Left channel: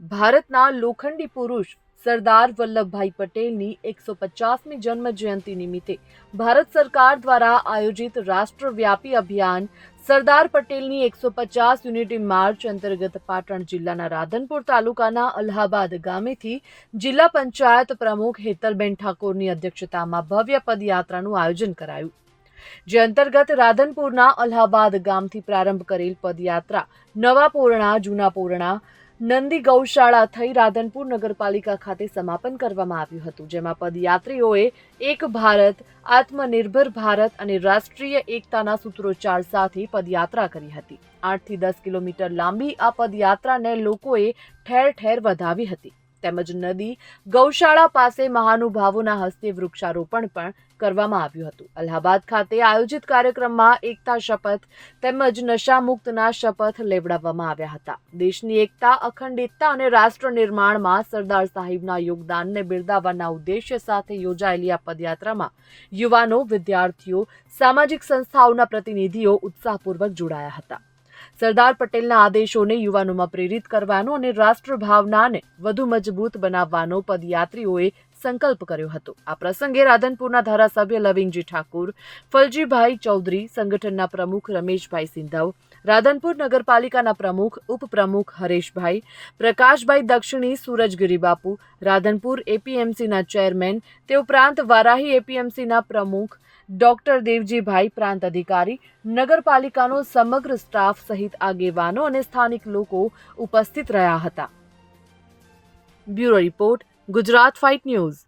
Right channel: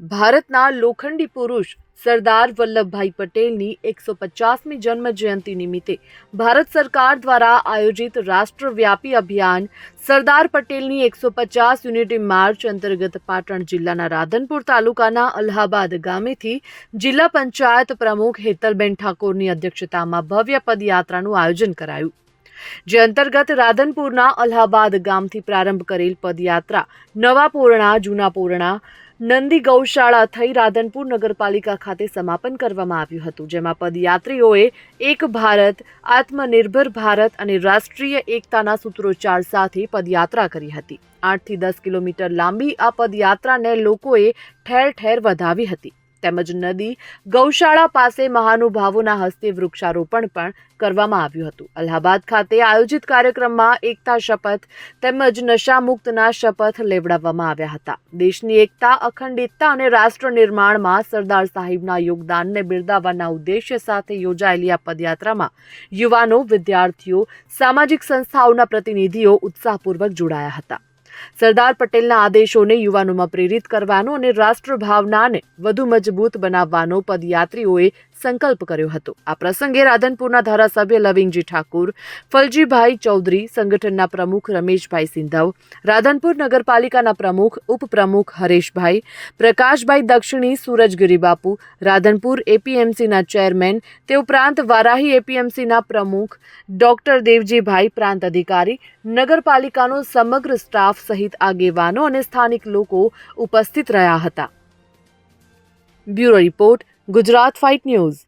ભારતના લોખંડી પુરુષ સરદાર વલ્લભભાઈ પટેલની એકસો પચાસમી જન્મ જયંતિ નિમિત્તે ભારત સરકાર દ્વારા આયોજિત રાષ્ટ્રવ્યાપી અભિયાન સરદાર પટેલની એકસો પચાસ યુનિટી માર્ચ અંતર્ગત પાટણ જિલ્લાના રાધનપુર તાલુકાના અલ્હાબાદ ગામેથી જિલ્લા પંચાયત પ્રમુખ હેતલબેન ઠાકોરની અધ્યક્ષતામાં ભવ્ય પદયાત્રાનું આયોજન કરાયું. જે અંતર્ગત રાધનપુરના અલ્હાબાદ ગામથી પ્રારંભ કરેલ પદયાત્રા નવા પોરણા, જૂના પોરણા નંદી ગૌશાળા થઈ રાધનપુર નગરપાલિકા ખાતે સમાપન કરવામાં આવ્યું હતું, જેમાં પદયાત્રીઓએ એક ભારત, આત્મનિર્ભર ભારત અને રાષ્ટ્રીય એકતાના સૂત્રોચ્ચાર સાથે પદયાત્રા કરી હતી. આઠથી દસ કિલોમીટર લાંબી આ પદયાત્રાને લોકોએ ઠેર ઠેર વધાવી હતી. તેમજ નદી, ગૌશાળા પાસે મહાનુભાવોના હસ્તે વૃક્ષારોપણ પણ કરવામાં આવ્યું હતું. અલ્હાબાદ ખાતે આયોજિત કાર્યક્રમમાં એકતા શપથ તેમજ નશામુક્તના શપથ લેવડાવવામાં આવ્યા હતા. દેશની એકતા, અખંડિતતા અને રાષ્ટ્ર નિર્માણમાં સરદાર સાહેબના યોગદાનને બિરદાવવાના ઉદ્દેશ્ય સાથે યોજાયેલી આ પદયાત્રામાં યુવાનો, વિદ્યાર્થીઓ, સામાજિક સંસ્થાઓના પ્રતિનિધિઓ ઉત્સાહપૂર્વક જોડાયા હતા. સરદાર પટેલના આદેશોને યુવાનોમાં પ્રેરિત કરવાનો અને રાષ્ટ્રભાવનાને વધુ મજબૂત બનાવવાનો પદયાત્રીઓએ સંકલ્પ કર્યો હતો. આ પ્રસંગે રાધનપુરના ધારાસભ્ય લવિંગજી ઠાકુર, ફલજીભાઈ ચૌધરી, સંગઠનના પ્રમુખ રમેશભાઈ સિંધવ, રાધનપુર નગરપાલિકાના પ્રમુખ, ઉપપ્રમુખ હરેશભાઈ, પ્રકાશભાઈ દક્ષિણી, સુરજગીરી બાપુ, રાધનપુર એપીએમસીના ચેરમેન તે ઉપરાંત વારાહી એપીએમસીના પ્રમુખ, ડોક્ટર દેવજીભાઈ પ્રાંત અધિકારી, નગરપાલિકાનો સમગ્ર સ્ટાફ સહિત આગેવાનો અને સ્થાનિક લોકો ઉપસ્થિત રહ્યા હતા. Bureau report Gujarat fight news